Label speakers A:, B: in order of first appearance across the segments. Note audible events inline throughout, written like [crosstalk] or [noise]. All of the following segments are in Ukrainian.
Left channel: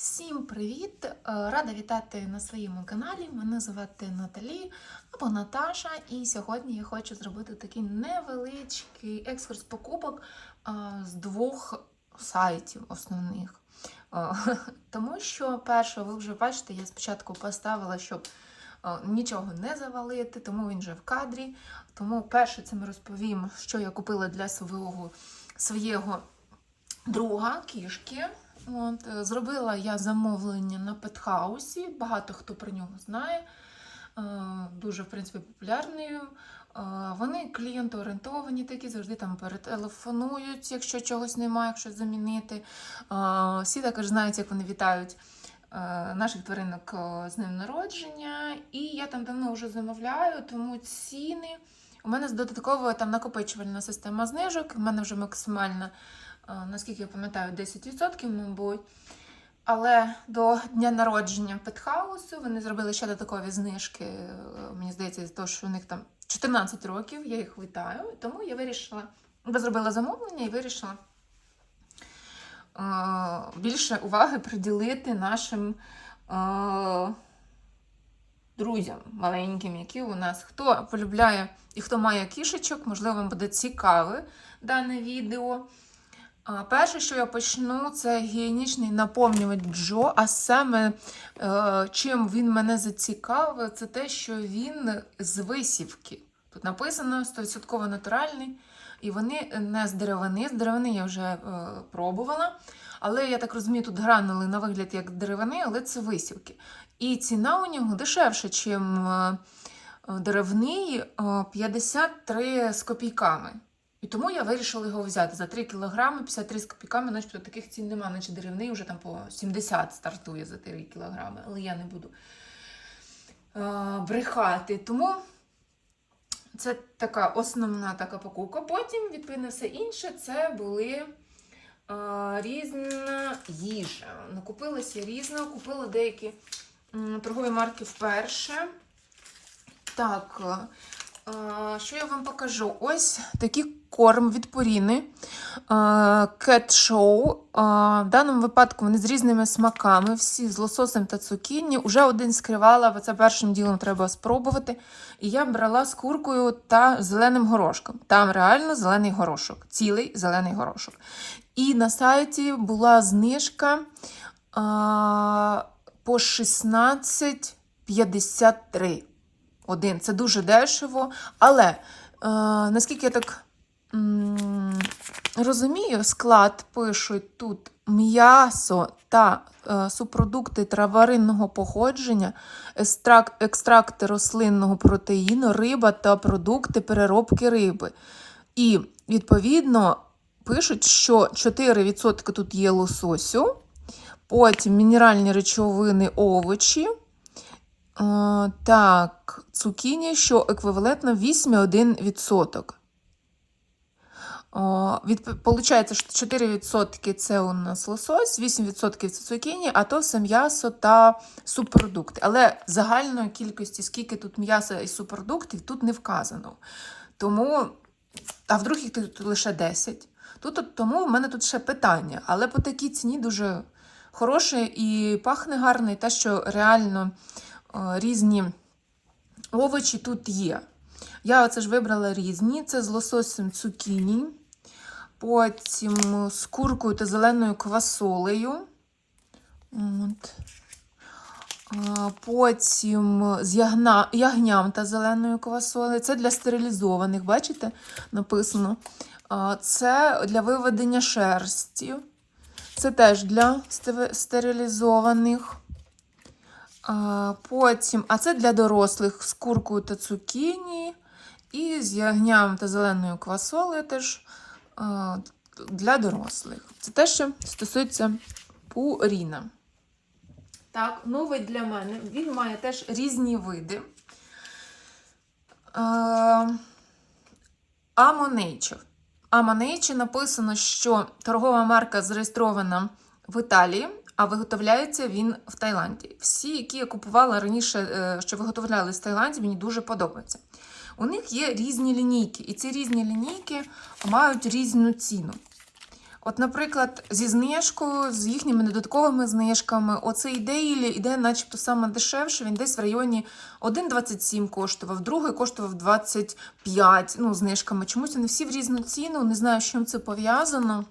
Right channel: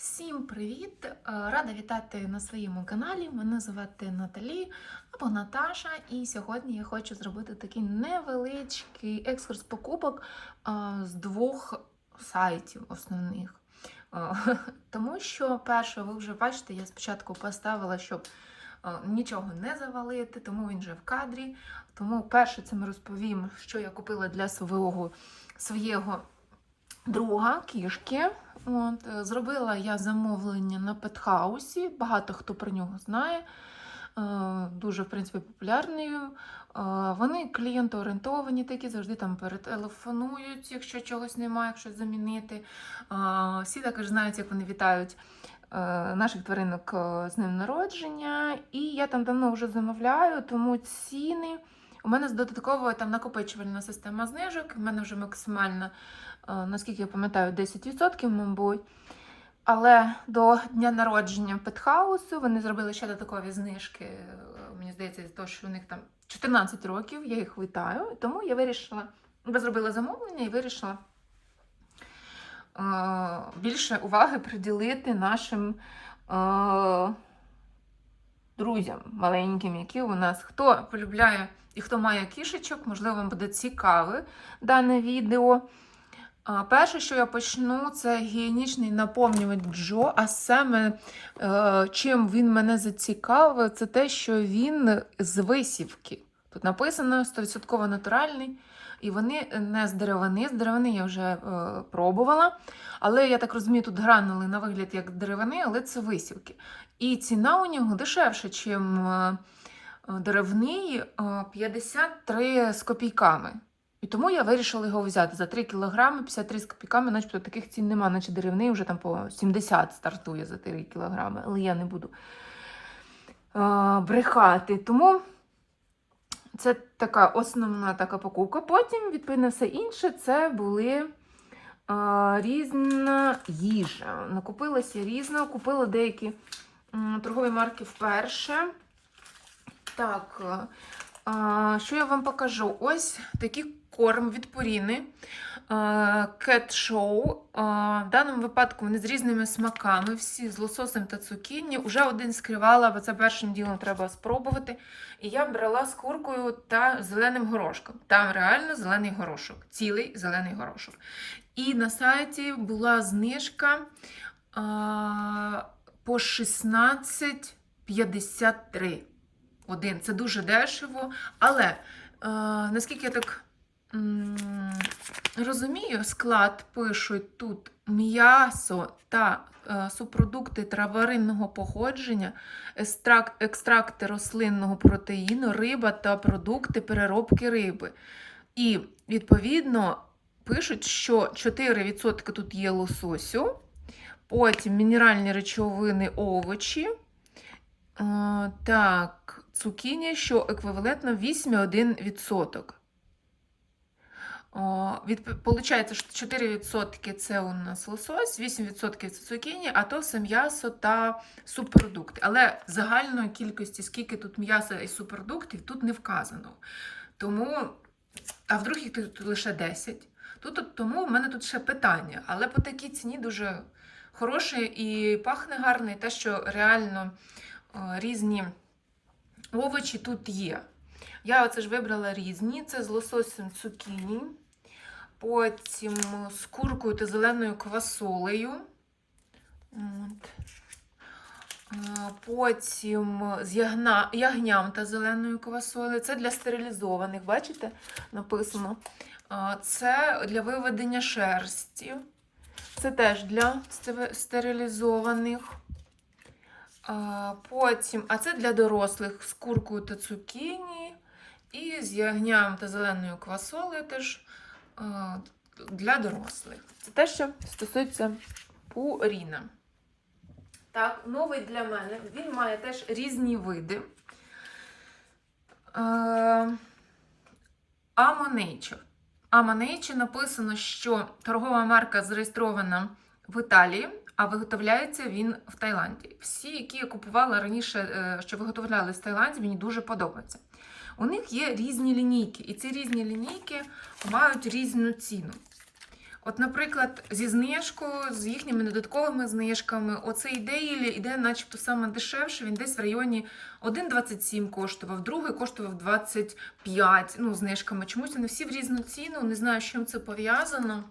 A: Всім привіт! Е, Рада вітати на своєму каналі. Мене звати Наталі або Наташа, і сьогодні я хочу зробити такий невеличкий екскурс покупок е, з двох сайтів основних. Е, [laughs] Тому що, перше, ви вже бачите, я спочатку поставила, щоб нічого не завалити, тому він вже в кадрі. Тому перше це ми розповім, що я купила для свого, своєго друга кішки. От, е, зробила я замовлення на петхаусі. Багато хто про нього знає. Е, Дуже, в принципі, популярний. Е, Вони клієнтоорієнтовані такі, завжди там перетелефонують, якщо чогось немає, якщо замінити. Всі також знають, як вони вітають наших тваринок з ним народження. І я там давно вже замовляю, тому ціни. У мене додатково там накопичувальна система знижок. У мене вже максимальна наскільки я пам'ятаю, 10%, мабуть. Але до дня народження Петхаусу вони зробили ще додаткові знижки. е, Мені здається, з того, що у них там 14 років, я їх вітаю. Тому я вирішила, я зробила замовлення і вирішила е, більше уваги приділити нашим е, друзям маленьким, які у нас. Хто полюбляє і хто має кішечок, можливо, вам буде цікаве дане відео. А, Перше, що я почну, це гігієнічний наповнювач Джо. А саме е, чим він мене зацікавив, це те, що він з висівки. Тут написано 100% натуральний, і вони не з деревини. З деревини я вже е, пробувала. Але я так розумію, тут гранули на вигляд як деревини, але це висівки. І ціна у нього дешевша, ніж е, деревний, е, 53 з копійками. І тому я вирішила його взяти за 3 кілограми, 53 з копійками, начебто таких цін нема, наче деревний вже там по 70 стартує за 3 кілограми, але я не буду а, брехати. Тому це така основна така покупка. Потім, відповідно, все інше це були а, різна їжа. Накупилася різна, купила деякі торгові марки вперше. Так, що я вам покажу? Ось такий корм від Cat Show. А, В даному випадку вони з різними смаками, всі з лососем та цукіні. Уже один скривала, бо це першим ділом треба спробувати. І я брала з куркою та зеленим горошком. Там реально зелений горошок, цілий зелений горошок. І на сайті була знижка а, по 16,53 один. Це дуже дешево. Але е, наскільки я так розумію, склад пишуть тут м'ясо та е, субпродукти траваринного походження, екстракт, екстракти рослинного протеїну, риба та продукти переробки риби. І, відповідно, пишуть, що 4% тут є лососю, потім мінеральні речовини, овочі. Е, Так, цукіні, що еквівалентно 8,1%. Від, получається, що 4% це у нас лосось, 8% це цукіні, а то все м'ясо та субпродукти. Але загальної кількості, скільки тут м'яса і субпродуктів, тут не вказано. Тому, а вдруг їх тут лише 10. Тут, тому в мене тут ще питання. Але по такій ціні дуже хороше і пахне гарно, і те, що реально різні овочі тут є. Я оце ж вибрала різні: це з лососем цукіні, потім з куркою та зеленою квасолею. От. Потім з ягна, ягням та зеленою квасолею. Це для стерилізованих, бачите? Написано. Це для виведення шерсті. Це теж для стерилізованих. Потім, а це для дорослих з куркою та цукіні. І з ягням та зеленою квасолею теж для дорослих. Це те, що стосується пуріна. Так, новий для мене. Він має теж різні види. Амонейчер. Амонейче написано, що торгова марка зареєстрована в Італії, а виготовляється він в Таїланді. Всі, які я купувала раніше, е, що виготовляли з Таїланді, мені дуже подобаються. У них є різні лінійки, і ці різні лінійки мають різну ціну. От, наприклад, зі знижкою, з їхніми додатковими знижками, оцей дейлі іде начебто саме дешевше, він десь в районі 1,27 коштував, другий коштував 25 ну, знижками. Чомусь вони всі в різну ціну, не знаю, з чим це пов'язано.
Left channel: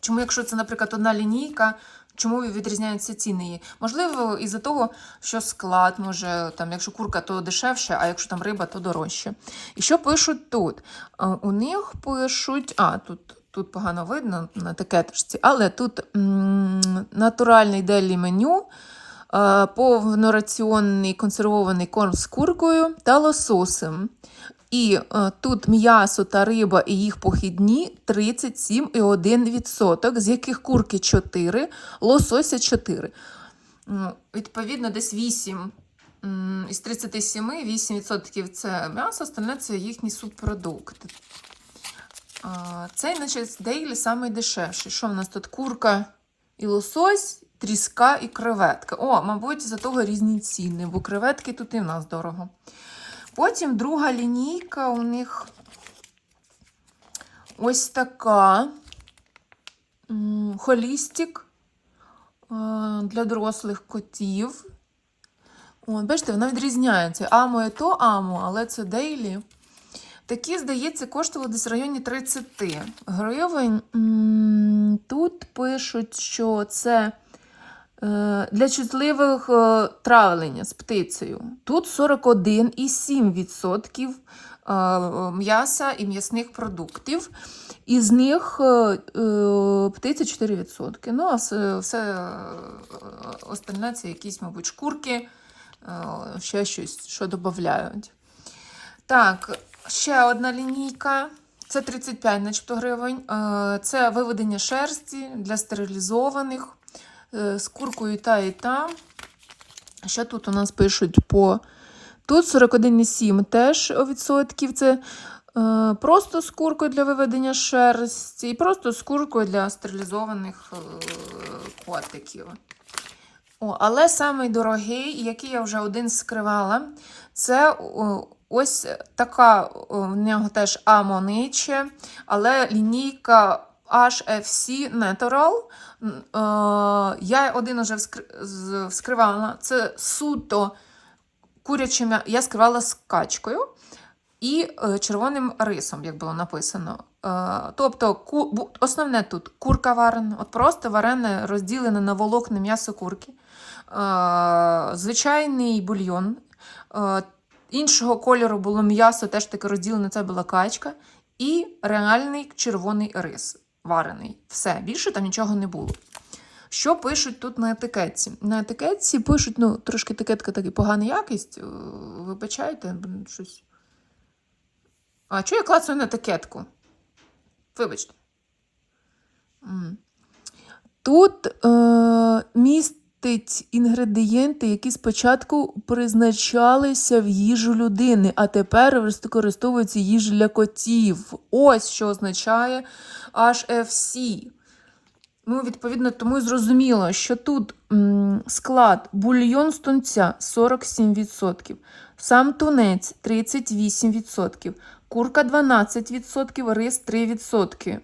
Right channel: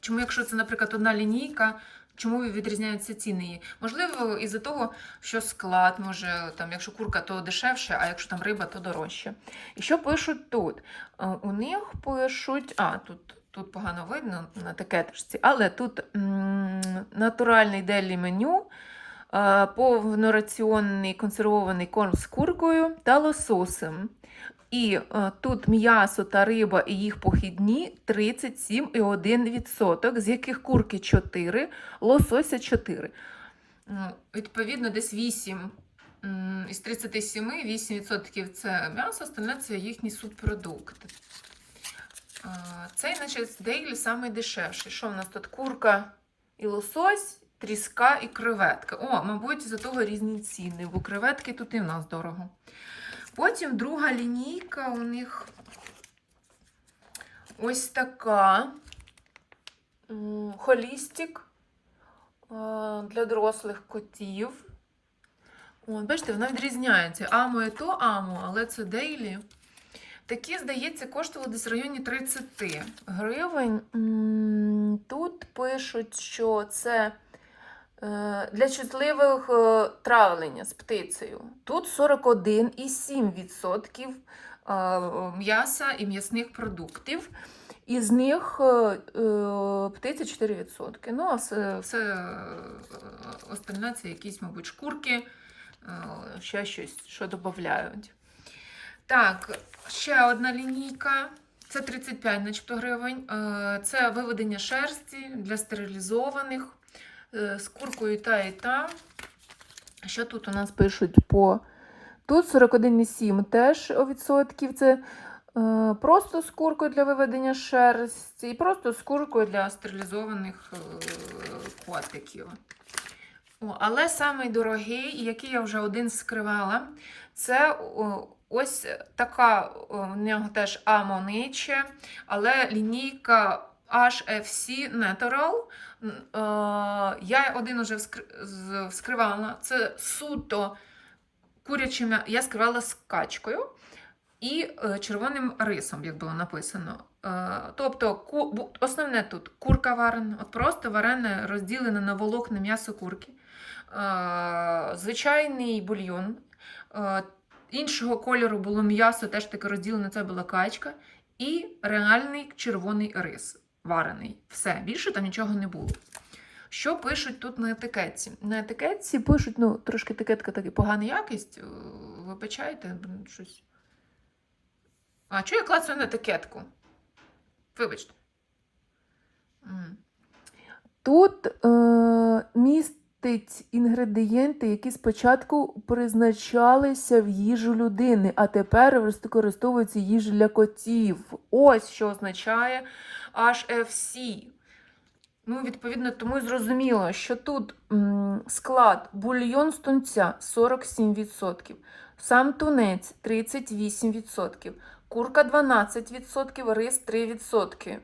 A: Чому, якщо це, наприклад, одна лінійка, чому відрізняються ціни? Можливо, із-за того, що склад, може, там, якщо курка, то дешевше, а якщо там риба, то дорожче. І що пишуть тут? Е, У них пишуть, а, тут. Тут погано видно на етикеточці, але тут м, натуральний делі меню, е, повнораціонний консервований корм з куркою та лососем. І е, тут м'ясо та риба і їх похідні 37,1%, з яких курки 4, лосося 4. Ну, Відповідно, десь 8 із 37 8% це м'ясо, остальне це їхні субпродукти. Цей, значить, дейлі самий дешевший. Що в нас тут? Курка і лосось, тріска і креветка. О, мабуть, за того різні ціни, бо креветки тут і в нас дорого. Потім друга лінійка у них ось така. Холістик е, для дорослих котів. От, бачите, вона відрізняється. Амо і то амо, але це дейлі. Такі, здається, коштували десь в районі 30 гривень. Тут пишуть, що це для чутливих е, травлення з птицею. Тут 41,7% е, м'яса і м'ясних продуктів. Із них е, е, птиця 4%. Ну, а все, е, остальне це якісь, мабуть, шкурки, е, ще щось, що додають. Так, ще одна лінійка. Це 35 начебто гривень. Е, Це виведення шерсті для стерилізованих е, з куркою та і та. Що тут у нас пишуть по. Тут 41,7 теж відсотків. Це е, просто з куркою для виведення шерсті, і просто з куркою для стерилізованих е, котиків. О, але самий дорогий, який я вже один скривала, це о, ось така в нього теж амониче, але лінійка HFC Natural. Е, Я один уже вскривала. Це суто куряче м'я- Я скривала з качкою і е, червоним рисом, як було написано. Е, Тобто, основне тут курка варена, от просто варене, розділене на волокна м'ясо курки, звичайний бульйон. Іншого кольору було м'ясо, теж таке розділене, це була качка, і реальний червоний рис варений. Все, більше там нічого не було. Що пишуть тут на етикетці? На етикетці пишуть, ну, трошки етикетка така погана якість. е, Вибачайте, щось. А чого я клацаю на етикетку? Вибачте. Тут е, містить інгредієнти, які спочатку призначалися в їжу людини, а тепер використовуються їжі для котів. Ось що означає HFC. Ну, відповідно, тому і зрозуміло, що тут склад бульйон з тунця 47%, сам тунець 38%, курка 12%, рис 3%.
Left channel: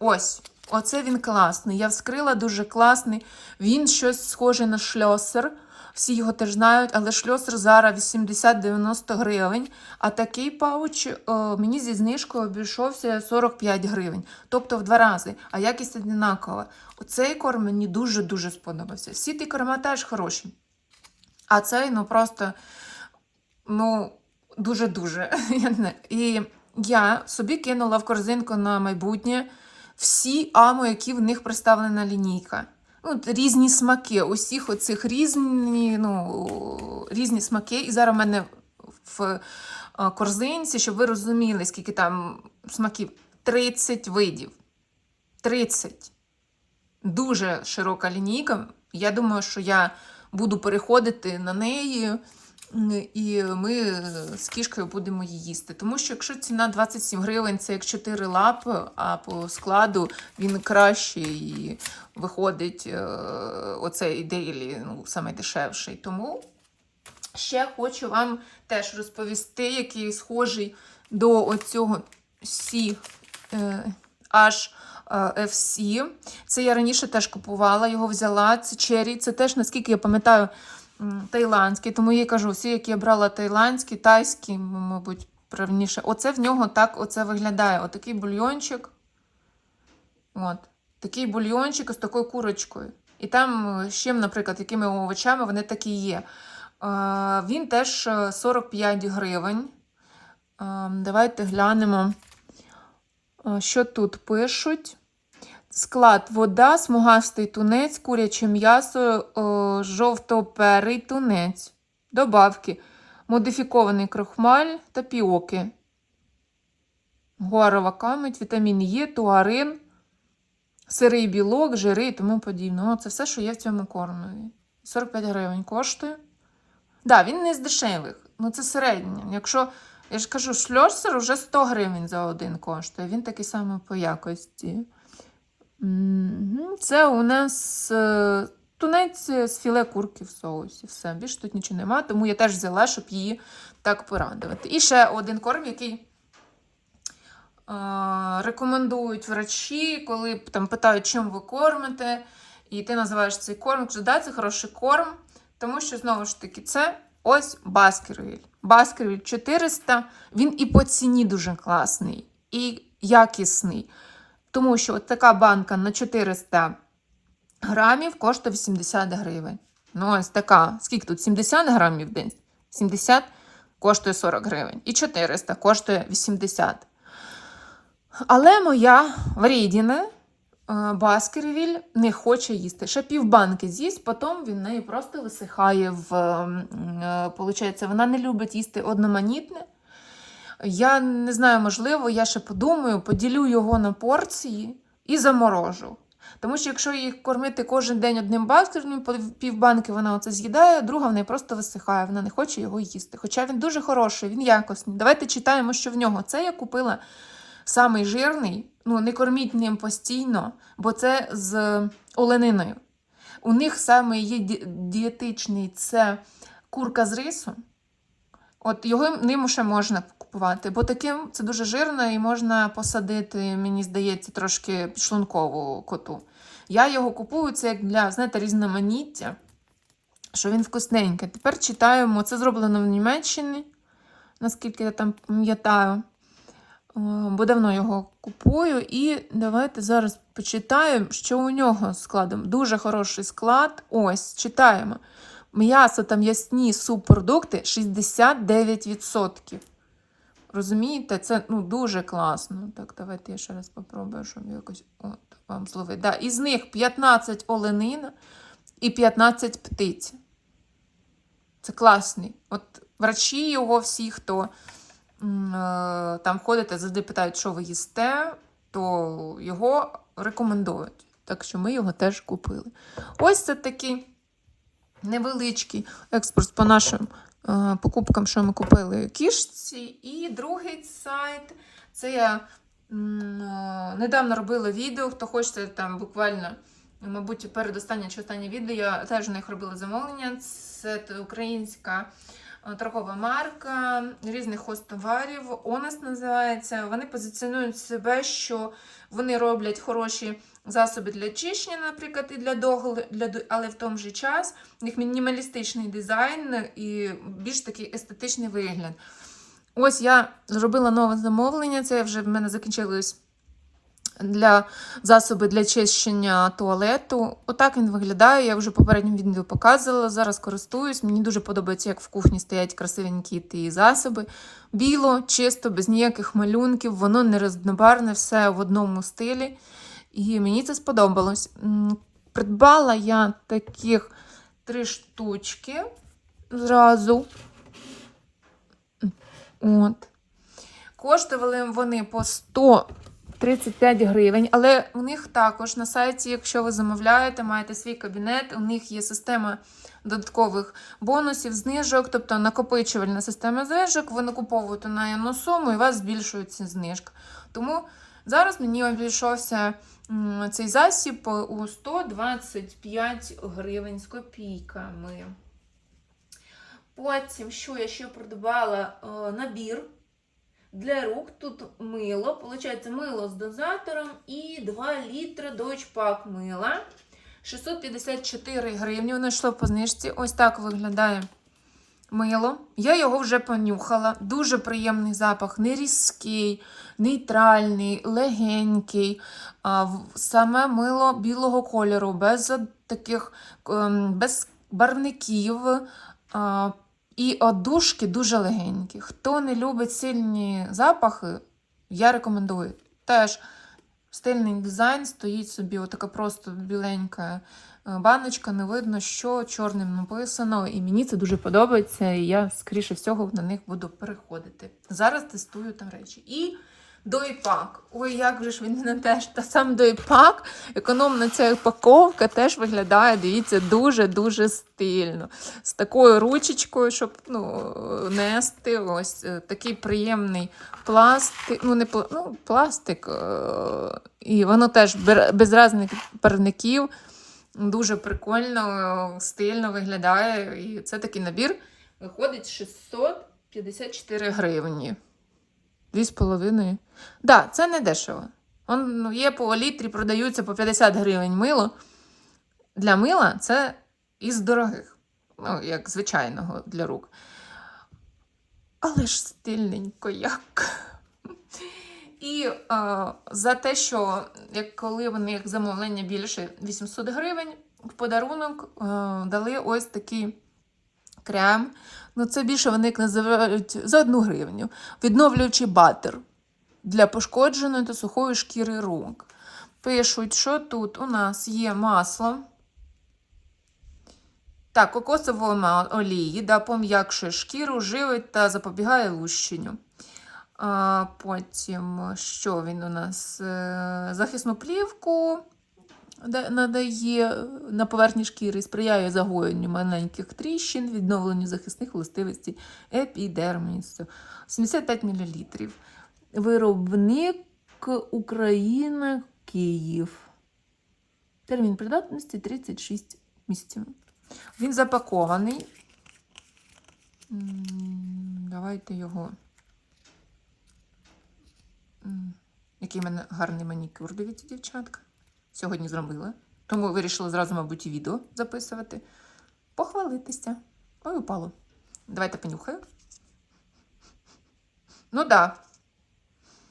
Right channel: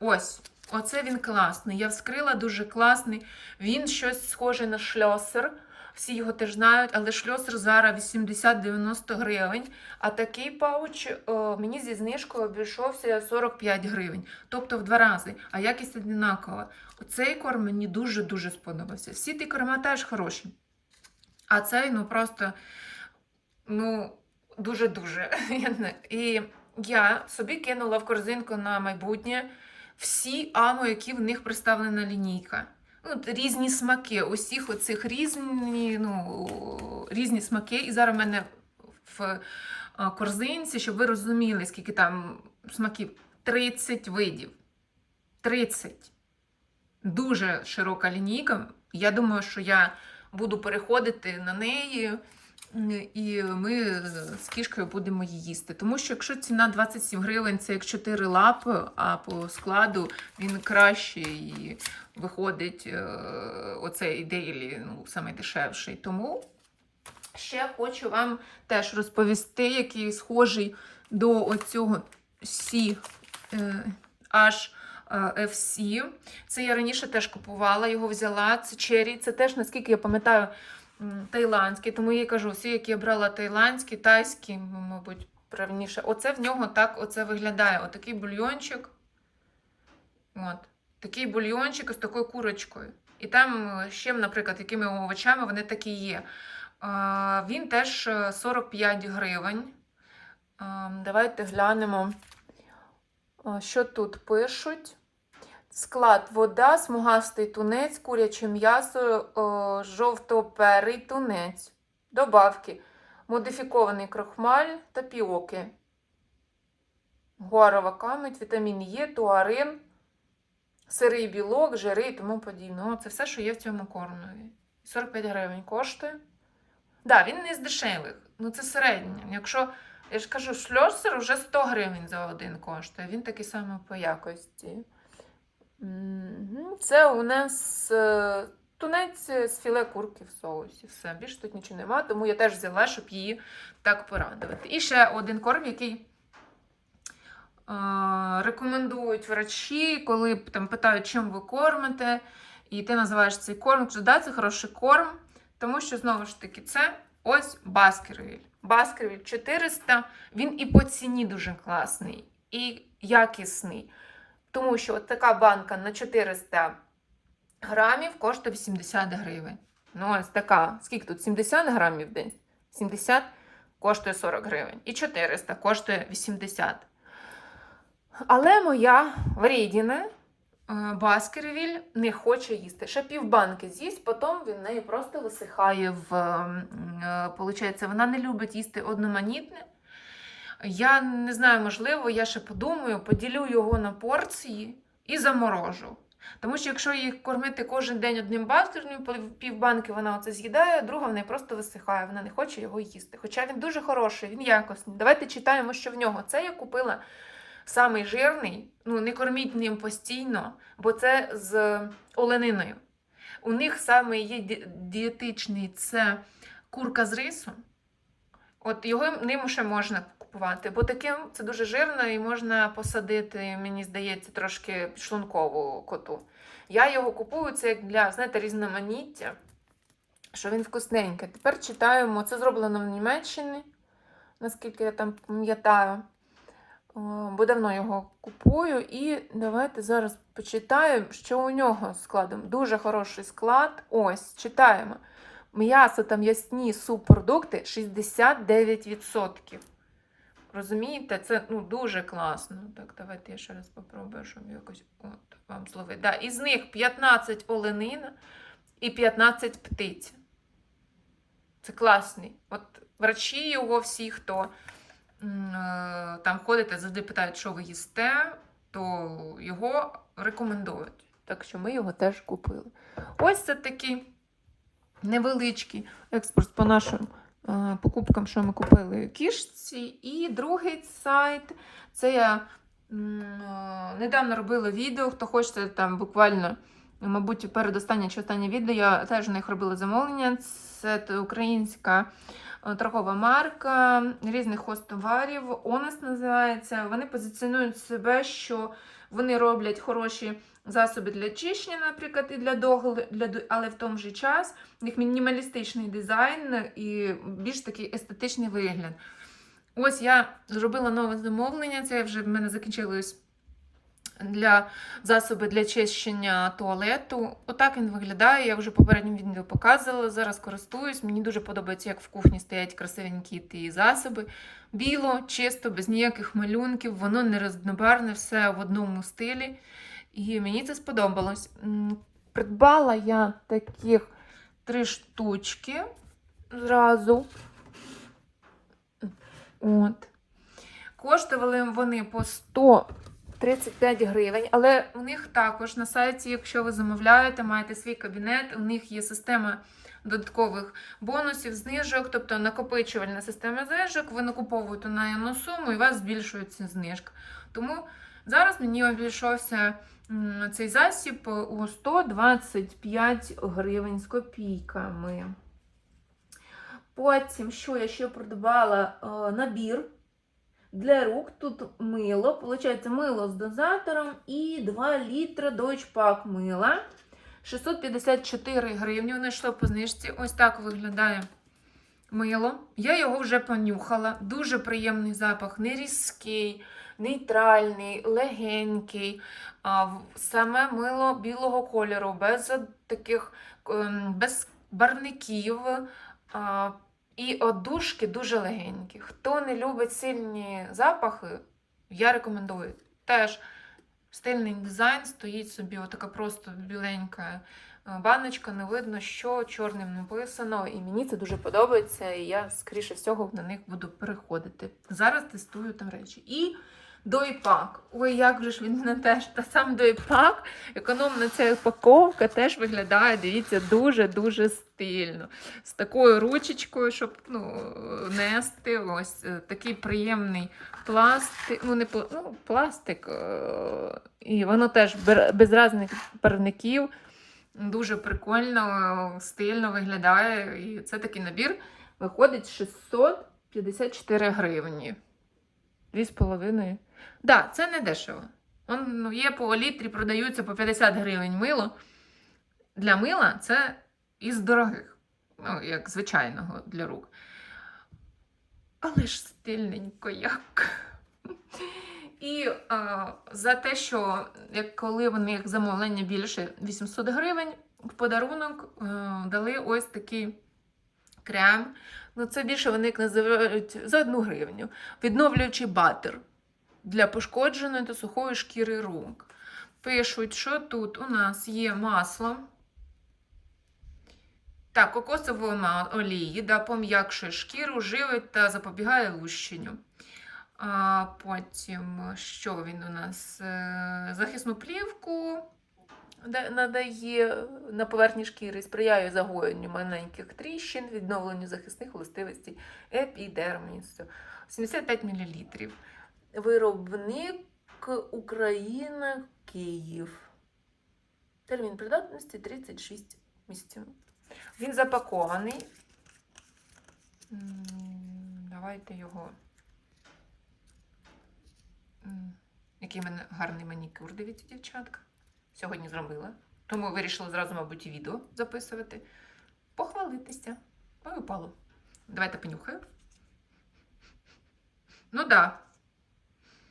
A: Ось, оце він класний. Я вскрила дуже класний. Він щось схоже на шльосер. Всі його теж знають, але шльосер зараз 80-90 гривень. А такий пауч о, мені зі знижкою обійшовся 45 гривень. Тобто в два рази, а якість однакова. Оцей корм мені дуже-дуже сподобався. Всі ті корма теж хороші. А цей, ну просто, ну, дуже-дуже. [laughs] І я собі кинула в корзинку на майбутнє всі амо, які в них представлена лінійка. Ну, різні смаки, усіх оцих різні, ну, різні смаки. І зараз в мене в корзинці, щоб ви розуміли, скільки там смаків. 30 видів. 30. Дуже широка лінійка. Я думаю, що я буду переходити на неї, і ми з кішкою будемо її їсти. Тому що якщо ціна 27 гривень, це як 4 лапи, а по складу він краще і виходить е, оцей дейлі, ну, саме дешевший. Тому ще хочу вам теж розповісти, який схожий до оцього сі е, аж е, FC. Це я раніше теж купувала, його взяла. Це Cherry. Це теж, наскільки я пам'ятаю, м, тайландський. Тому я їй кажу, всі, які я брала тайландські, тайські, мабуть, правильніше. Оце в нього так оце виглядає. Отакий бульйончик. От. Такий бульйончик з такою курочкою. І там е, з чим, наприклад, якими овочами вони такі є. Е, Він теж е, 45 гривень. Е, Давайте глянемо, е, що тут пишуть. Склад вода, смугастий тунець, куряче м'ясо, е, жовтоперий тунець. Добавки. Модифікований крохмаль та піоки. Гуарова камедь, вітамін Е, туарин, сирий білок, жири і тому подібне. О, це все, що є в цьому кормові. 45 гривень коштує. Так, да, він не з дешевих. Ну це середнє. Якщо, я ж кажу, шльосер вже 100 гривень за один коштує. Він такий самий по якості. Це у нас е, тунець з філе курки в соусі. Все, більше тут нічого немає, тому я теж взяла, щоб її так порадувати. І ще один корм, який рекомендують врачі, коли там питають, чим ви кормите, і ти називаєш цей корм, кажу, да, це хороший корм, тому що знову ж таки це ось Баскервіль. Баскервіль 400, він і по ціні дуже класний, і якісний. Тому що от така банка на 400 грамів коштує 80 гривень. Ну, ось така. Скільки тут? 70 грамів в день? 70 коштує 40 гривень. І 400 коштує 80. Але моя врідіна Баскервіль не хоче їсти. Ще півбанки з'їсть, потім він неї просто висихає в. е, Получається, вона не любить їсти одноманітне. Я не знаю, можливо, я ще подумаю, поділю його на порції і заморожу. Тому що якщо їх кормити кожен день одним баскером, півбанки вона оце з'їдає, друга в неї просто висихає, вона не хоче його їсти. Хоча він дуже хороший, він якісний. Давайте читаємо, що в нього. Це я купила самий жирний, ну не корміть ним постійно, бо це з олениною. У них саме є ді- дієтичний це курка з рису. От його ним ще можна купувати, бо таким це дуже жирно і можна посадити, мені здається, трошки підшлункову коту. Я його купую це як для, знаєте, різноманіття, що він вкусненький. Тепер читаємо, це зроблено в Німеччині, наскільки я там пам'ятаю. Бо давно його купую. І давайте зараз почитаємо, що у нього з складом. Дуже хороший склад. Ось, читаємо. М'ясо та м'ясні субпродукти 69%. Розумієте, це ну, дуже класно. Так, давайте я ще раз попробую, щоб якось от, вам зловити. Да, із них 15 оленина і 15 птиць. Це класний. От врачі його всі, хто е, там ходите, завжди питають, що ви їсте, то його рекомендують. Так що ми його теж купили. Ось це такий невеличкий експорт по нашим е, покупкам, що ми купили кішці. І другий сайт це я е, недавно робила відео. Хто хоче там буквально, мабуть, передостаннє чи останнє відео, я теж у них робила замовлення. Це українська е, торгова марка різних хостоварів. Онес називається. Вони позиціонують себе, що вони роблять хороші засоби для чищення, наприклад, і для догляду, для, але в тому же час у них мінімалістичний дизайн і більш такий естетичний вигляд. Ось я зробила нове замовлення. Це вже в мене закінчилось для засоби для чищення туалету. Отак він виглядає. Я вже в попередньому відео показувала. Зараз користуюсь. Мені дуже подобається, як в кухні стоять красивенькі ті засоби. Біло, чисто, без ніяких малюнків, воно не рознобарне, все в одному стилі. І мені це сподобалось. Придбала я таких три штучки зразу. От. Коштували вони по 135 гривень, але у них також на сайті, якщо ви замовляєте, маєте свій кабінет, у них є система додаткових бонусів, знижок, тобто накопичувальна система знижок, ви накуповуєте наємну суму і у вас збільшується знижка. Тому зараз мені обійшовся цей засіб у 125 гривень з копійками. Потім, що я ще придбала е, набір Для рук тут мило, виходить, мило з дозатором і 2 літри Deutsche мила. 654 гривні. Воно йшло по знижці. Ось так виглядає мило. Я його вже понюхала. Дуже приємний запах, не різкий, нейтральний, легенький. Саме мило білого кольору, без таких ем, без барвників. І одушки дуже легенькі. Хто не любить сильні запахи, я рекомендую. Теж стильний дизайн стоїть собі, отака просто біленька баночка, не видно, що чорним написано. І мені це дуже подобається, і я, скоріше всього, на них буду переходити. Зараз тестую там речі. І дойпак. Ой, як же ж він мене теж. Та сам дойпак, економна ця упаковка теж виглядає, дивіться, дуже-дуже стильно. З такою ручечкою, щоб ну, нести. Ось е, такий приємний пластик. Ну, не ну, пластик. е, І воно теж без різних парників. Дуже прикольно, стильно виглядає. І це такий набір виходить 654 гривні. Дві з половиною. Так, да, це не дешево. Он, ну, є по літрі, продаються по 50 гривень мило. Для мила це із дорогих, ну, як звичайного для рук. Але ж стильненько як. І е, за те, що як коли вони як замовлення більше 800 гривень, в подарунок е, дали ось такий крем. Ну, це більше вони як називають за одну гривню. Відновлюючий батер для пошкодженої та сухої шкіри рук. Пишуть, що тут у нас є масло. Так, кокосової олії, да, пом'якшує шкіру, живить та запобігає лущенню. А, потім, що він у нас? Е, Захисну плівку надає на поверхні шкіри, сприяє загоєнню маленьких тріщин, відновленню захисних властивостей епідермісу. 75 мл. Виробник Україна Київ. Термін придатності 36 місяців. Він запакований. Давайте його. Який мене гарний манікюр, дивіться, дівчатка. Сьогодні зробила. Тому вирішила зразу, мабуть, відео записувати. Похвалитися. Ой, упало. Давайте понюхаю. Ну. Да.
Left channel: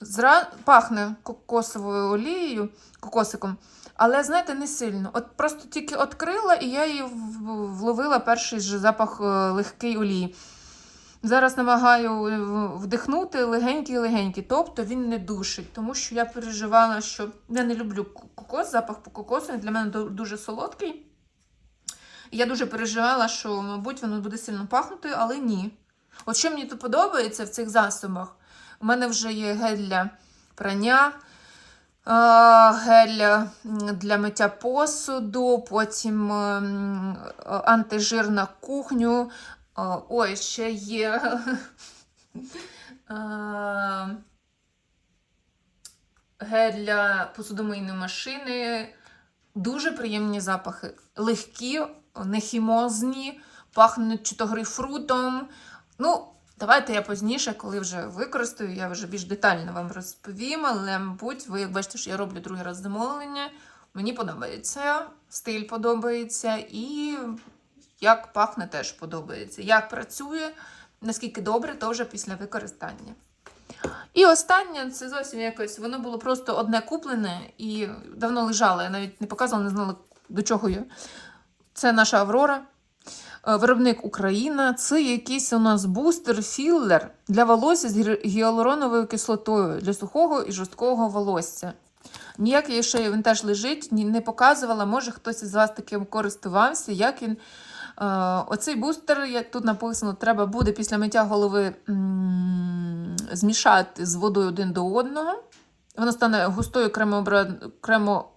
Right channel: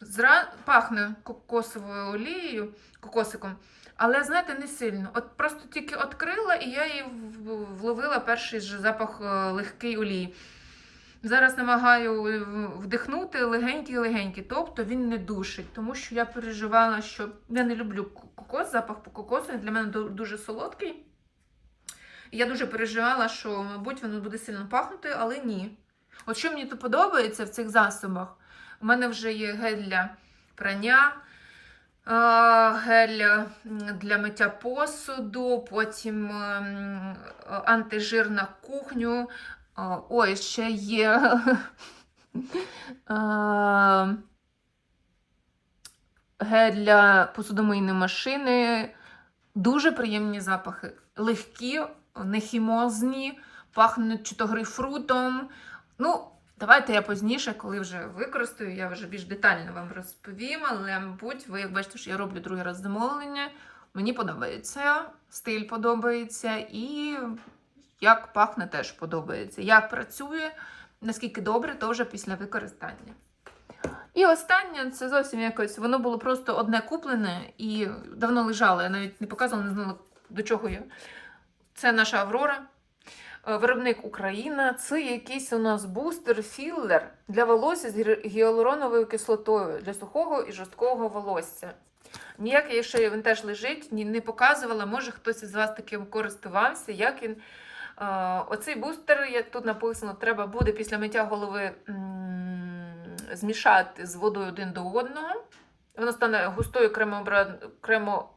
A: Зра... Пахне кокосовою олією, кокосиком, але, знаєте, не сильно. От просто тільки відкрила, і я її вловила перший же запах е, легкий олії. Зараз намагаю е, вдихнути легенький-легенький, тобто він не душить, тому що я переживала, що я не люблю кокос, запах по кокосу, він для мене дуже солодкий. І я дуже переживала, що, мабуть, воно буде сильно пахнути, але ні. От що мені тут подобається в цих засобах, у мене вже є гель для прання, гель для миття посуду, потім антижир на кухню. Ой, ще є. а, [laughs] Гель для посудомийної машини. Дуже приємні запахи. Легкі, нехімозні, пахнуть чи то грейпфрутом. Ну, давайте я пізніше, коли вже використаю, я вже більш детально вам розповім. Але, мабуть, ви як бачите, що я роблю другий раз замовлення. Мені подобається, стиль подобається і як пахне теж подобається. Як працює, наскільки добре, то вже після використання. І останнє, це зовсім якось, воно було просто одне куплене і давно лежало. Я навіть не показувала, не знала, до чого я. Це наша Аврора. Е, Виробник Україна. Це якийсь у нас бустер, філлер для волосся з гіалуроновою кислотою для сухого і жорсткого волосся. Ніякий ще він теж лежить, не показувала. Може хтось із вас таким користувався, як він. Е, Оцей бустер, як тут написано, треба буде після миття голови змішати з водою один до одного. Воно стане густою кремо,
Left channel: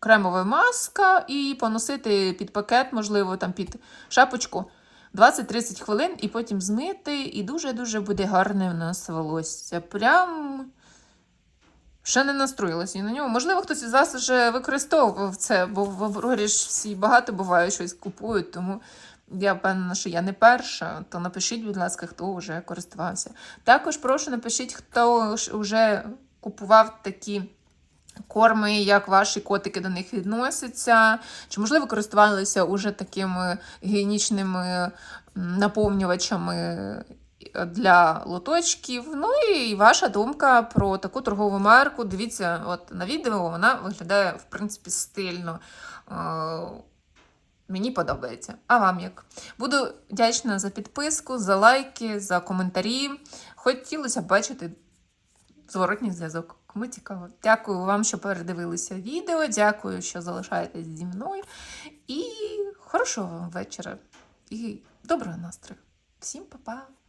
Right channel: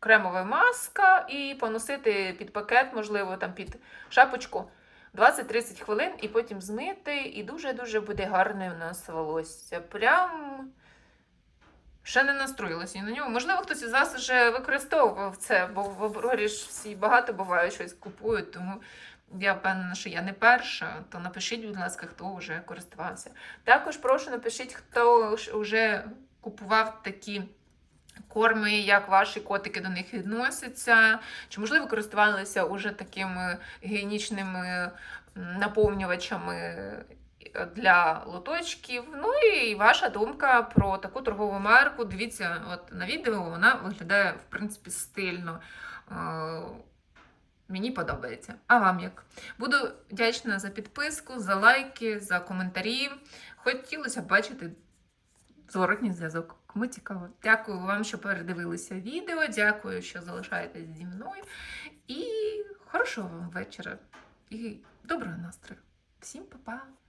A: кремовою маска і поносити під пакет, можливо, там під шапочку 20-30 хвилин, і потім змити. І дуже-дуже буде гарне у нас волосся. Прям ще не настроїлася на нього. Можливо, хтось із вас вже використовував це, бо в Аврорі ж всі багато буває щось купують, тому Я впевнена, що я не перша, то напишіть, будь ласка, хто вже користувався. Також прошу напишіть, хто вже купував такі корми, як ваші котики до них відносяться, чи, можливо, користувалися уже такими гігієнічними наповнювачами для лоточків. Ну і ваша думка про таку торгову марку. Дивіться, от на відео вона виглядає, в принципі, стильно. Мені подобається. А вам як? Буду вдячна за підписку, за лайки, за коментарі. Хотілося б бачити зворотній зв'язок. Кому цікаво. Дякую вам, що передивилися відео. Дякую, що залишаєтесь зі мною. І хорошого вам вечора. І доброго настрою. Всім па-па!